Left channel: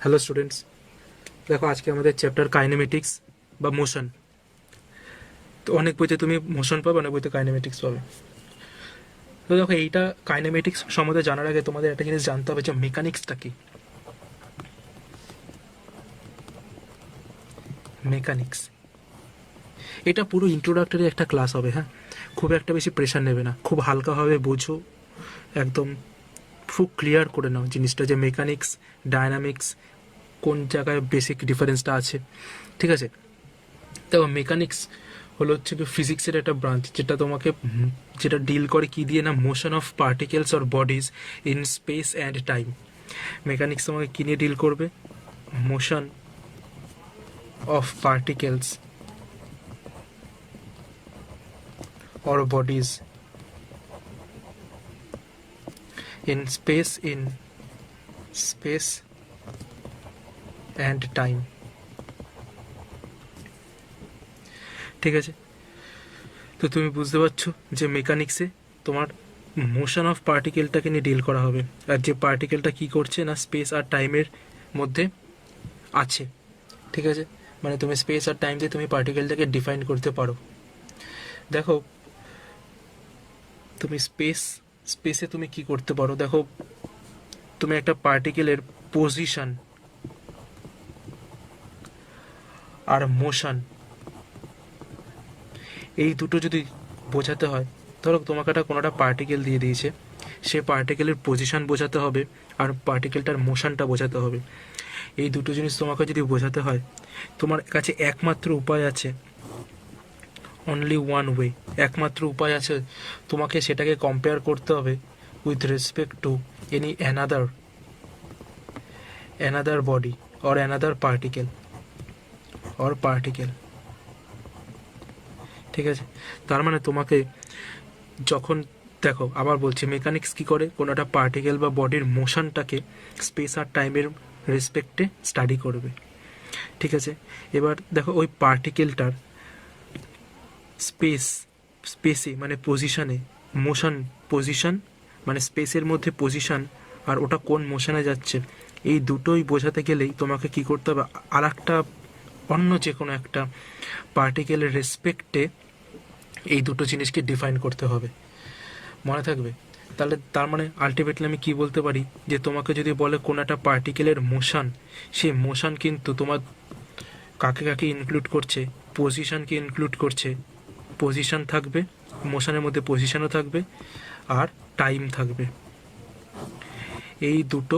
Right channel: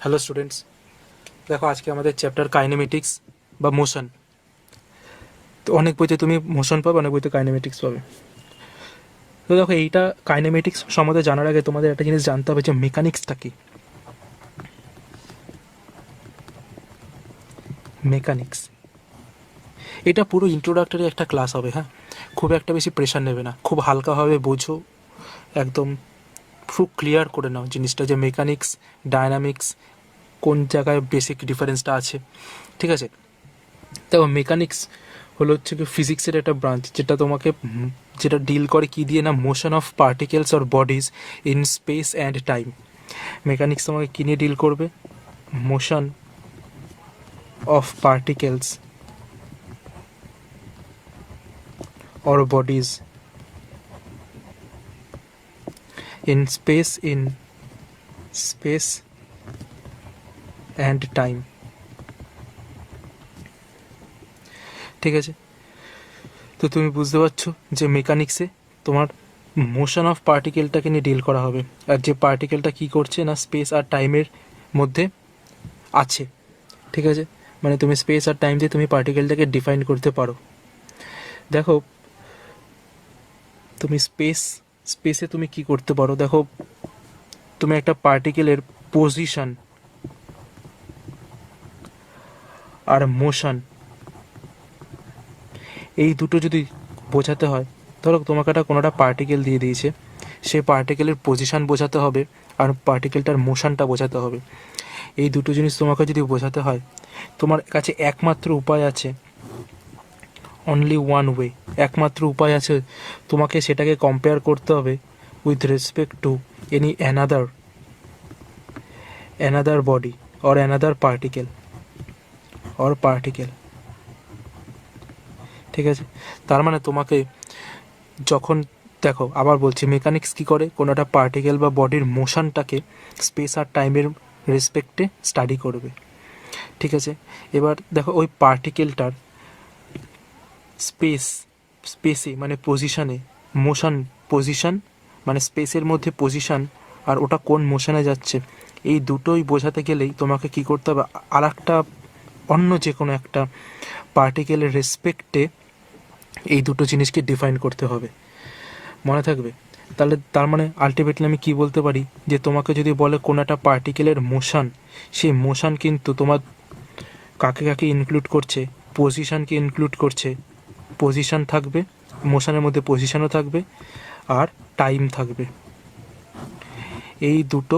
Hello students, দেখো আজকে আমাদের চ্যাপ্টার কাইনেমেটিক্স বা মোশন। তো অনেক বইতে তুমি মোশন পাবে, অনেক বইতে কাইনেমেটিক্স পাবে। তো দেখো, এইটা কাইনেমেটিক্স সম্বন্ধে জানার আগে তোমাদের একটা জিনিস জানতে হবে যে মেকানিক্সটা কি। মেকানিক্স এটা পুরো ইন্ট্রোডাক্টরি একটা ক্লাস হবে। হ্যাঁ, খুব একটা বেশি প্রেশার নেবে না, খুব হালকাভাবে বোঝো, একদম খুব ক্লিয়ার করে নাও জিনিসটা যে মেকানিক্স, ডায়নামিক্স কোন জায়গায় বেসিক ডিফারেন্সটা আছে। ঠিক আছে, দেখো মেকানিক্স হচ্ছে কি ফিজিক্সের একটা ব্রাঞ্চ যেটা ডিল করে কি দিয়ে না, motion of particles or bodies in space and time. Mechanics তোমাকে কি নিয়ে ডিল করবে? Motion of particles or bodies in space and time. ঠিক আছে, তো তুমি বুঝতে পারছো যে মেকানিক্সে তোমার মোশন অফ পার্টিকেলটাকে নিয়ে ডিল করা হবে, আর যে পার্টিকেলটা কি করছে না স্পেস আর টাইমের মধ্যে আছে। ঠিক আছে, মানে তুমি স্পেস আর টাইম দিয়ে তুমি পার্টিকেলটাকে ডিফাইন করতে পারো। দেখো তুমি স্পেসে তুমি কি করতে পারো, দেখো তুমি একটা পার্টিকেলের পজিশন আর মোশন এই দুটো যদি বোঝাতে হয়, ধরো তোমাকে কোনোটা পার্টিকেল দিয়ে দিয়েছে, সেই পার্টিকেলের পজিশন বোঝাতে হবে আর পার্টিকেলটার মোশনটা বোঝাতে হবে। এই দুটো জিনিস তোমাকে যদি বোঝাতে হয়, তোমার কাছে একমাত্র উপায় আছে, অনলি ওয়ান ওয়ে, একমাত্র উপায় আছে, তোমাকে সেটাকে কম্পেয়ার করতে হবে with respect to any another body or another particle. ঠিক আছে, তার মানে তোমাকে যখন, দেখো আবার বলছি, মেকানিক্স কি করে, কোনো একটা পার্টিকেল বা বডির মোশনটাকে স্পেস আর টাইমের রেসপেক্টে স্টাডি করবে। ঠিক আছে, এবার দেখো ওই পার্টিকেলটার স্পেসে মানে পজিশানে, পজিশন মানে স্পেসের মধ্যে পজিশন, আর ওটা কোন মোশনে যাচ্ছে, এই দুটোই বোঝাতে গেলেই তোমাকে কি করতে হবে, আর একটা অন্য যে কোনো একটা পার্টিকেলের রেসপেক্টে এই দুটো জিনিসকে ডিফাইন করতে হবে। মনে থাকবে? তাহলে তার মানে আলটিমেটলি আমি কি বলতে পারি, যে তোমাকে যদি বলে কোনো একটা পার্টিকেলের মোশন, সেই মোশন কিন্তু তোমার কাকে কাকে ইনক্লুড করছে, পজিশনকে ইনক্লুড করছে। পজিশন থাকবে, মোশনের মধ্যে পজিশনও থাকবে, আর টাইম থাকবে। এই দুটো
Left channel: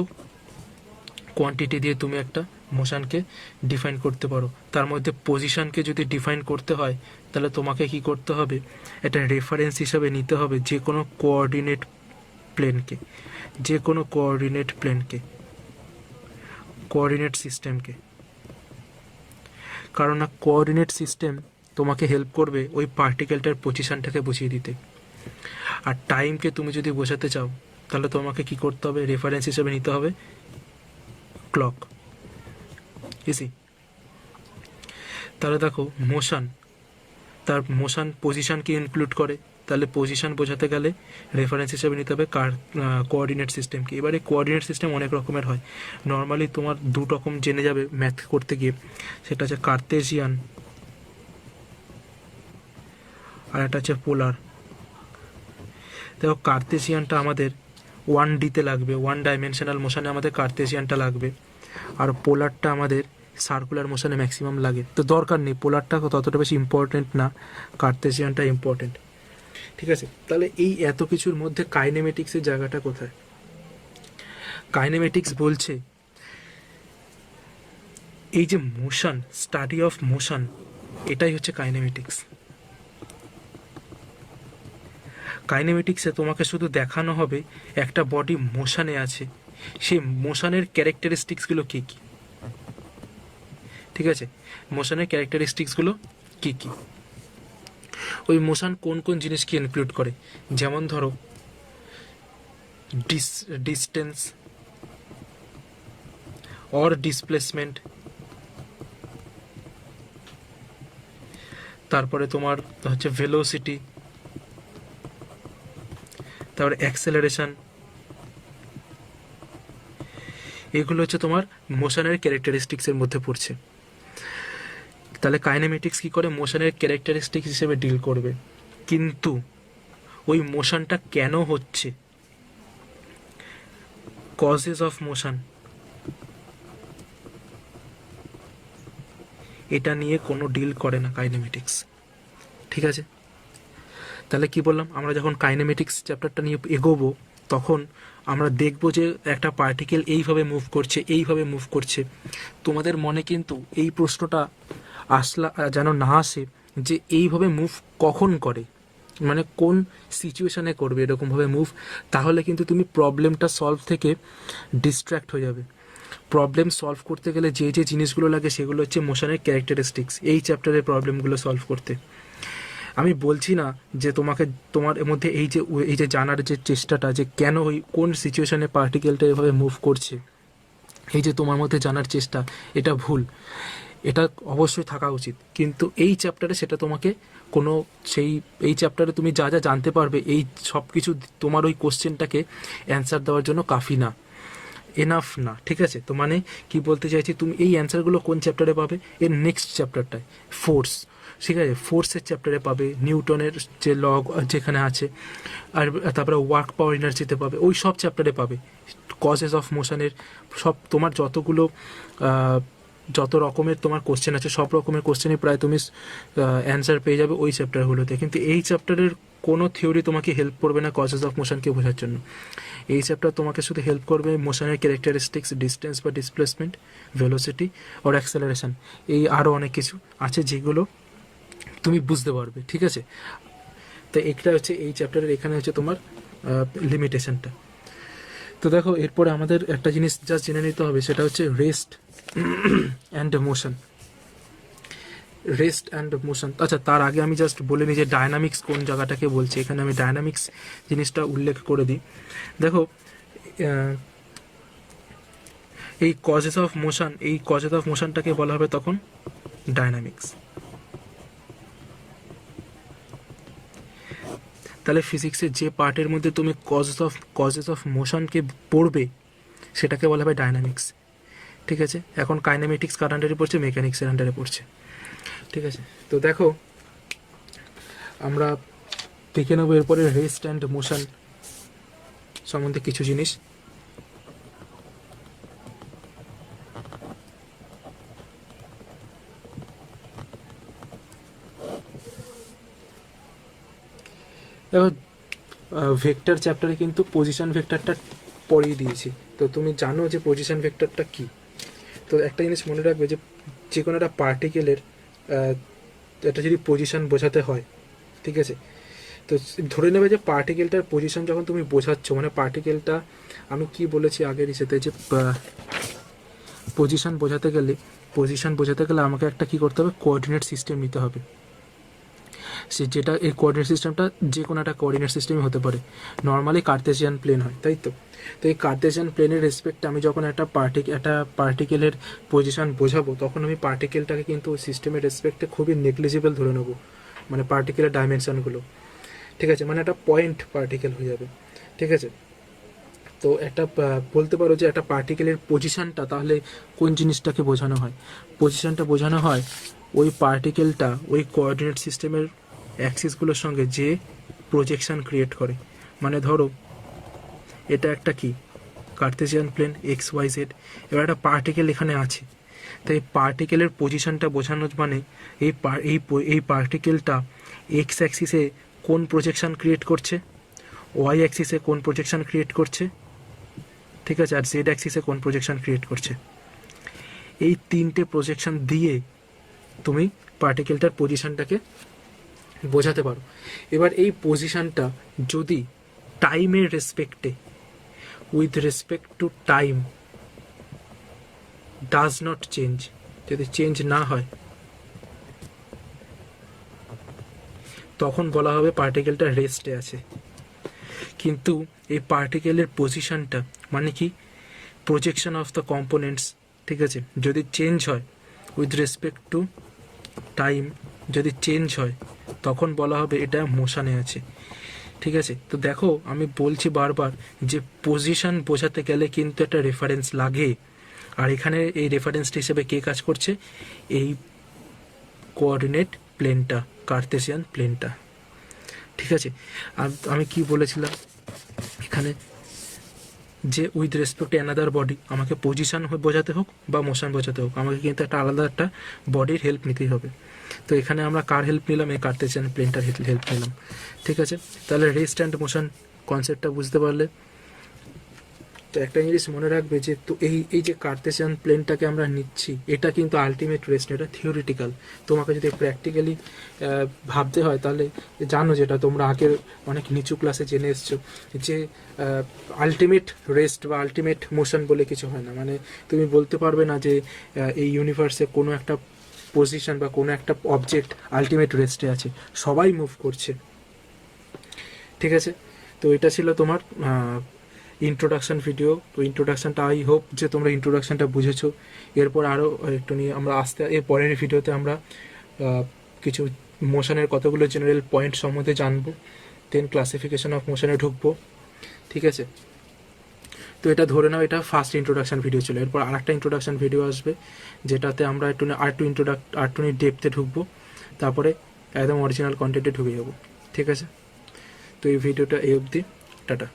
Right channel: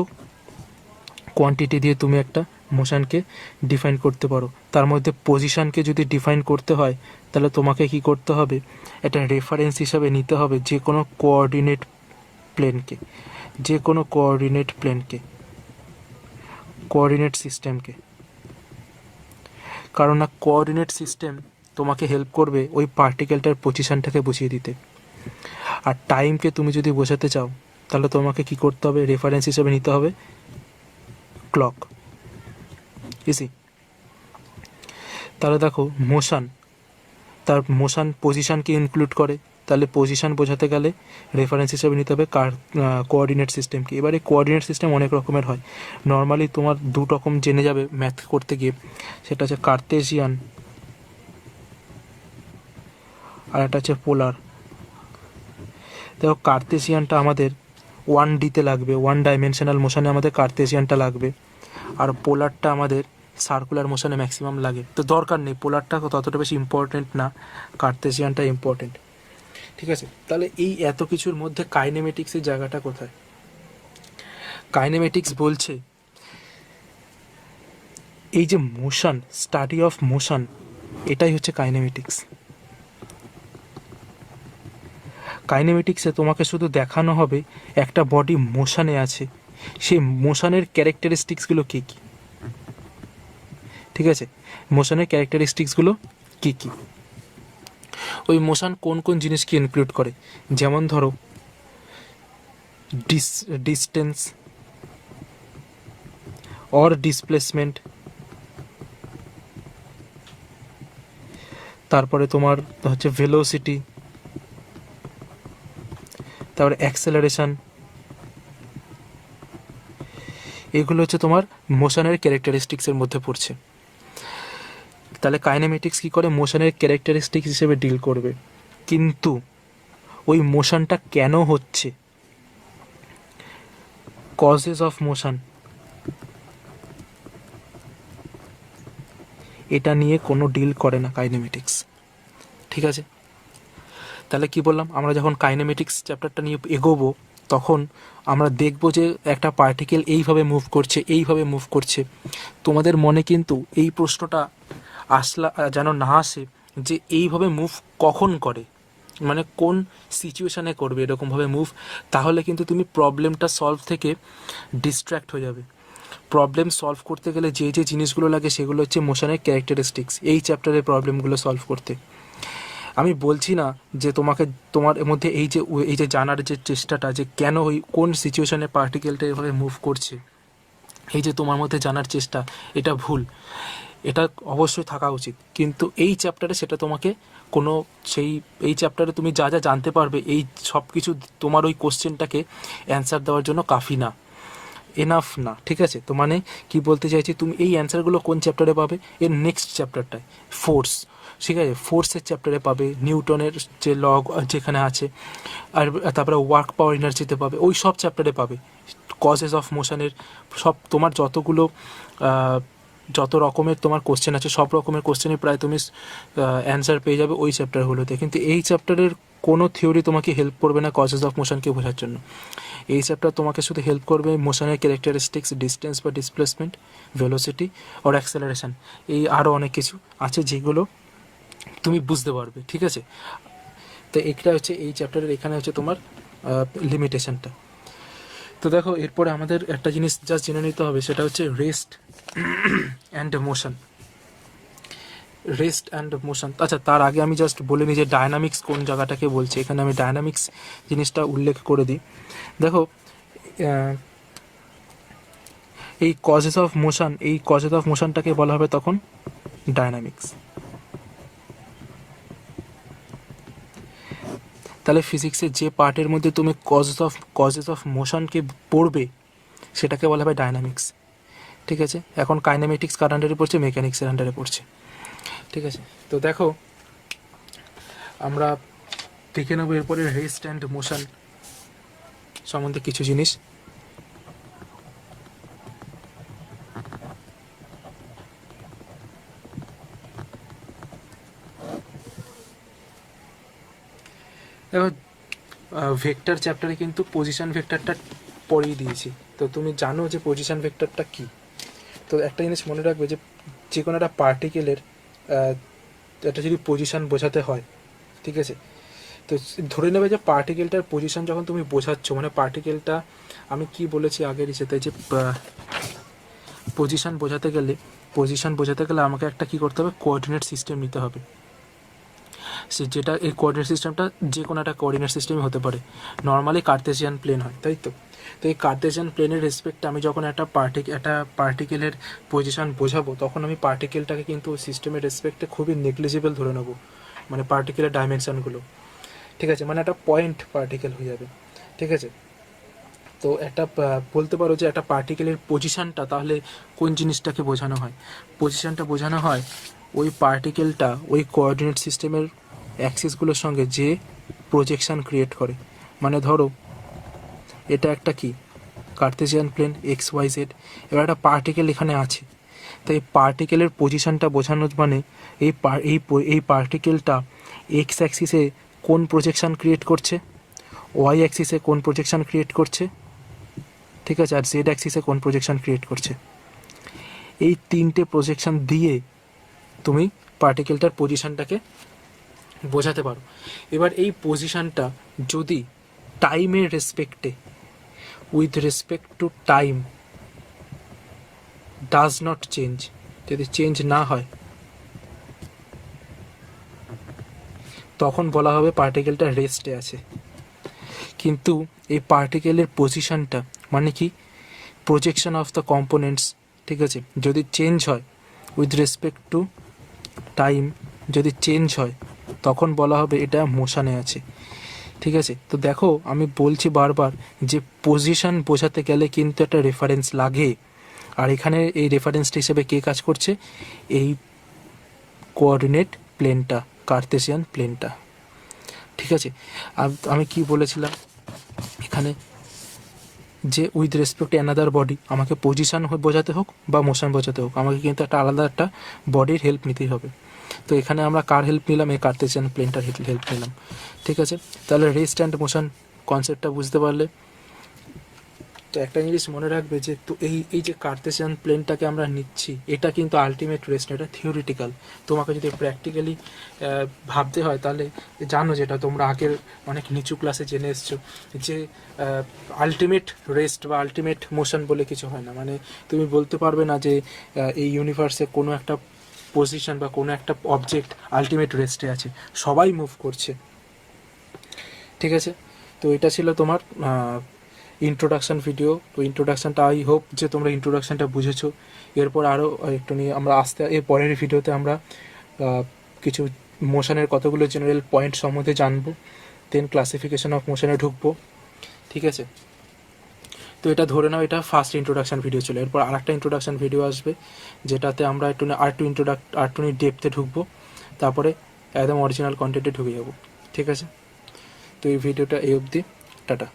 কোয়ান্টিটি দিয়ে তুমি একটা মোশনকে ডিফাইন করতে পারো। তার মধ্যে পজিশনকে যদি ডিফাইন করতে হয়, তাহলে তোমাকে কি করতে হবে, একটা রেফারেন্স হিসাবে নিতে হবে যে কোনো কোঅর্ডিনেট প্লেনকে, কোঅর্ডিনেট সিস্টেমকে। কারণ না, কোঅর্ডিনেট সিস্টেম তোমাকে হেল্প করবে ওই পার্টিকেলটার পজিশনটাকে বুঝিয়ে দিতে। আর টাইমকে তুমি যদি বোঝাতে চাও, তাহলে তোমাকে কি করতে হবে, রেফারেন্স হিসেবে নিতে হবে ক্লক। ইসি, তাহলে দেখো তার মোশন পজিশনকে ইনক্লুড করে, তাহলে পজিশন বোঝাতে গেলে রেফারেন্স হিসেবে নিতে হবে কোঅর্ডিনেট সিস্টেমকে। এবারে কোঅর্ডিনেট সিস্টেম অনেক রকমের হয়, নর্মালি তোমার দু রকম জেনে যাবে ম্যাথ করতে গিয়ে, সেটা হচ্ছে কার্তেশিয়ান আর একটা হচ্ছে পোলার। দেখো কার্তেশিয়ানটা আমাদের 1D-তে লাগবে, 1 ডাইমেনশনাল মোশনে আমাদের কার্তেশিয়ানটা লাগবে, আর পোলারটা আমাদের সার্কুলার মোশনে ম্যাক্সিমাম লাগে। তো দরকার নেই, পোলারটা ততটা বেশি ইম্পর্টেন্ট না, কার্তেশিয়ানটা ইম্পর্টেন্ট। ঠিক আছে, তাহলে এই এত কিছুর মধ্যে কাইনেমেটিক্সের জায়গাটা কোথায়? কাইনেমেটিক্স বলছে এই যে মোশন, স্টাডি অফ মোশন, এটাই হচ্ছে কাইনেমেটিক্স। কাইনেমেটিক্সে তোমাকে শুধু দেখানো হবে একটা বডি মোশনে আছে, সেই মোশনের ক্যারেক্টারিস্টিক্সগুলো কী কী। ঠিক আছে, মোশনের ক্যারেক্টারিস্টিক্সগুলো কী কী, ওই মোশন কোন কোন জিনিসকে ইনক্লুড করে, যেমন ধরো ডিস্টেন্স অর ডিসপ্লেসমেন্ট, তারপরে তোমার হচ্ছে ভেলোসিটি, তারপরে অ্যাক্সেলারেশন, এগুলো হচ্ছে তোমার মোশনের ক্যারেক্টারিস্টিক্সের মধ্যে পড়ছে। তাহলে কাইনেমেটিক্স কী করে, মোশনের ক্যারেক্টারিস্টিক্স হিসেবে ডিল করবে, কিন্তু ওই মোশনটা কেন হচ্ছে, কজেস অফ মোশন, এটা নিয়ে কোনো ডিল করে না কাইনেমেটিক্স। ঠিক আছে, তাহলে কি বললাম, আমরা যখন কাইনেমেটিক্স চ্যাপ্টারটা নিয়ে এগোবো তখন আমরা দেখব যে একটা পার্টিকেল এইভাবে মুভ করছে, এইভাবে মুভ করছে। তোমাদের মনে কিন্তু এই প্রশ্নটা যেন না আসে যে এইভাবে মুভ কখন করে, মানে কোন সিচুয়েশানে করবে এরকমভাবে মুভ, তাহলে কিন্তু তুমি প্রবলেমটা সলভ থেকে ডিস্ট্র্যাক্ট হয়ে যাবে। প্রবলেম সলভ করতে গেলে যে যে জিনিসগুলো লাগে সেগুলো হচ্ছে মোশনের ক্যারেক্টারিস্টিক্স, এই চ্যাপ্টারের প্রবলেমগুলো সলভ করতে। আমি বলছি না যে তোমার মধ্যে এই যে জানার যে চেষ্টাটা, যে কেন ওই কোন সিচুয়েশনে পার্টিকেলটা এভাবে মুভ করছে, এই যে তোমার মধ্যে জানার চেষ্টা, এটা ভুল, এটা অবশ্যই থাকা উচিত। কিন্তু এই চ্যাপ্টারে সেটা তোমাকে এই চ্যাপ্টারে তুমি যা যা জানতে পারবে, এই সব কিছু তোমার ওই কোশ্চেনটাকে অ্যান্সার দেওয়ার জন্য কাফি না, এনাফ না। ঠিক আছে, তো মানে কি বলতে চাইছি, তুমি এই অ্যান্সারগুলো কোন চ্যাপ্টারে পাবে, এর নেক্সট চ্যাপ্টারটায় ফোর্স, ঠিক আছে, ফোর্সের চ্যাপ্টারে পাবে, নিউটনের যে ল যেখানে আছে, আর তারপরে ওয়ার্ক পাওয়ার এনার্জিতে পাবে, ওই সব চ্যাপ্টারে পাবে। কজেস অফ মোশনের সব তোমার যত রকমের তোমার কোশ্চেন আছে, সব রকমের কোশ্চেনই প্রায় তুমি অ্যান্সার পেয়ে যাবে ওই চ্যাপ্টারগুলোতে। কিন্তু এই চ্যাপ্টারের কোনো থিওরি তোমাকে হেল্প করবে না কজেস অফ মোশনকে বোঝার জন্য। এই চ্যাপ্টার তোমাকে শুধু হেল্প করবে মোশনের ক্যারেক্টারিস্টিক্স, ডিস্টেন্স বা ডিসপ্লেসমেন্ট, ভেলোসিটি আর অ্যাক্সেলারেশন, এই আরও অনেক কিছু আছে যেগুলো তুমি বুঝতে পারবে। ঠিক আছে, তো এটা হচ্ছে এই চ্যাপ্টারের, এখানে হচ্ছে তোমার লিমিটেশনটা। তো দেখো, এরপরে আমাদের একটা জিনিস জাস্ট জেনে নিতে হবে, সেটা হচ্ছে rest and motion. Rest and motion, আচ্ছা তার আগে আমি জাস্ট বলে নিই যে ডায়নামিক্স কোন জায়গাটাকে বলছে। এখানে আমি ডায়নামিক্স জিনিসটা উল্লেখ করে দিই। দেখো, এই কজেস অফ মোশনটাকে বলা হবে তখন ডায়নামিক্স। তাহলে ফিজিক্সের যে পার্টের মধ্যে তুমি কজেস অফ মোশনকে পড়বে সেটাকে বলা হবে ডায়নামিক্স। ঠিক আছে, এখন কাইনেমেটিক্স কার আন্ডারে পড়ছে, মেকানিক্সের আন্ডারে পড়ছে। ঠিক আছে, তো দেখো আমরা দেখে নেবো এরপরে রেস্ট অ্যান্ড মোশন সম্বন্ধে কিছু জিনিস। দেখো, ভেক্টর চ্যাপ্টারে কিন্তু পজিশন ভেক্টরটা পড়িয়ে দিয়েছি, তো তুমি জানো যে পজিশন ভেক্টরটা কী। তো একটা জিনিস মনে রাখবে যে কোনো একটা পার্টিকেলের একটা যদি পজিশন বোঝাতে হয়, ঠিক আছে, তো ধরে নেবে যে পার্টিকেলটার পজিশন যখন তুমি বোঝাচ্ছ, মানে পার্টিকেলটা, আমি কি বলেছি আগের ইসেতে, যে পজিশন বোঝাতে গেলে আমাকে একটা কি করতে হবে, কোঅর্ডিনেট সিস্টেম নিতে হবে। যেটা এই কোঅর্ডিনেট সিস্টেমটা যে কোনো একটা কোঅর্ডিনেট সিস্টেমই হতে পারে, নর্মালি কার্তেশিয়ান প্লেন হয়, তাই তো। তো এই কার্তেশিয়ান প্লেনের রেসপেক্টে আমি যখন একটা পার্টিকেলের পজিশন বোঝাবো, তখন আমি পার্টিকেলটাকে কিন্তু ওই সিস্টেমের রেসপেক্টে খুবই নেগলিজিবল ধরে নেবো, মানে পার্টিকেলের ডাইমেনশনগুলো। ঠিক আছে, মানে একটা পয়েন্ট পার্টিকেল হয়ে যাবে। ঠিক আছে, তো একটা বলতে পারো যে একটা পার্টিকেলের পজিশনটা তাহলে কোন জিনিসটাকে বোঝানো হয়, পজিশনটা বোঝানো হয় ওই পার্টিকেলটা ওই কোঅর্ডিনেট সিস্টেমের অ্যাক্সিসগুলোর সঙ্গে যে প্রজেকশন ক্রিয়েট করে। মানে ধরো এটা একটা কি কার্তেশিয়ান প্লেন XYZ, এবার একটা পার্টিকেল এখানে আছে, তাই পার্টিকেলের পজিশনটা বোঝানোর মানে এই পার্টিকেলটা এক্স অ্যাক্সিসে কোন প্রজেকশন ক্রিয়েট করছে, ওয়াই অ্যাক্সিসে কোন প্রজেকশন ক্রিয়েট করছে, ঠিক আছে, আর জেড অ্যাক্সিসে কোন প্রজেকশন ক্রিয়েট করছে। এই তিনটে প্রজেকশন দিয়ে তুমি পার্টিকেলটার পজিশনটাকে বোঝাতে পারো। এবার এই পজিশনটা যদি টাইমের রেসপেক্টে, with respect to time, does not change, যদি চেঞ্জ না হয়, তখন বলা হবে পার্টিকেলটা রেস্টে আছে। কিন্তু এই পার্টিকেলের পজিশনটা মানে কি, প্রজেকশন অফ দ্য কম্পোনেন্টস, ঠিক আছে, যদি চেঞ্জ হয় উইথ রেসপেক্ট টু টাইম, যদি চেঞ্জ হয় তখন বলা হবে এটা মোশনে আছে। ঠিক আছে, তো দেখো আমি বলছি বারবার যে পজিশন বোঝাতে গেলে কিন্তু একটা রেফারেন্স লাগে। আর এখানে এই রেফারেন্সটি হিসেবে কে কাজ করছে? এই কোঅর্ডিনেট প্লেনটা, কার্তেশিয়ান প্লেনটা। ঠিক আছে, আমি কি বলেছিলাম এখানে, যে with respect to another body আমাকে পজিশন বোঝাতে হোক বা মোশন বোঝাতে হোক, আমাকে কিন্তু একটা আলাদা একটা বডির হেল্প নিতেই হবে। তো এখানে আমরা কার হেল্প নিলাম? এই কার্তেশিয়ান প্লেনটার হেল্প নিলাম। ঠিক আছে, তাহলে রেস্ট অ্যান্ড মোশন কনসেপ্টটা বুঝতে পারলে। তো একটা জিনিস মনে রাখবে যে তো এই যে কার্তেশিয়ান প্লেনটাকে আমরা নিচ্ছি, এটা কিন্তু আলটিমেট রেস্ট, এটা থিওরিটিক্যাল। তোমাকে যদি প্র্যাকটিক্যালি ভাবতে হয় তাহলে জানো, যেটা তোমরা আগের অনেক নিচু ক্লাসে জেনে এসছো, যে আলটিমেট রেস্ট বা আলটিমেট মোশন বলে কিছু হয় না। মানে তুমি বলতে পারবে না যে এই ইউনিভার্সে কোনো একটা পজিশন বা কোনো একটা অবজেক্ট আলটিমেট রেস্টে আছে, সবাই মুভ করছে। ঠিক আছে, তো এটা ছিল তোমার ইন্ট্রোডাকশান ভিডিও। তো ইন্ট্রোডাকশানটা, আই হোপ যে তোমরা ইন্ট্রোডাকশানটা বুঝেছো। এরপর আরও একটু নিয়ে আমরা এর পরের ভিডিওতে আমরা কিছু মোশনের কতগুলো জেনারেল পয়েন্ট সম্বন্ধে জানবো, দেন ক্লাসিফিকেশন অফ মোশনে ঢুকবো। ঠিক আছে, তো এটা ধরে নাও এটা ফার্স্ট ইন্ট্রোডাকশান ভিডিও ছিল। এরপর আরেকটা ইন্ট্রোডাকশান ভিডিও আসবে, যেটাতে আমরা একটু ডেপথে ঢুকবো, তারপরে একদম অরিজিনাল কন্টেন্টে ঢুকে যাবো। ঠিক আছে, তো এই ভিডিওটা এই অবধি, টাটা।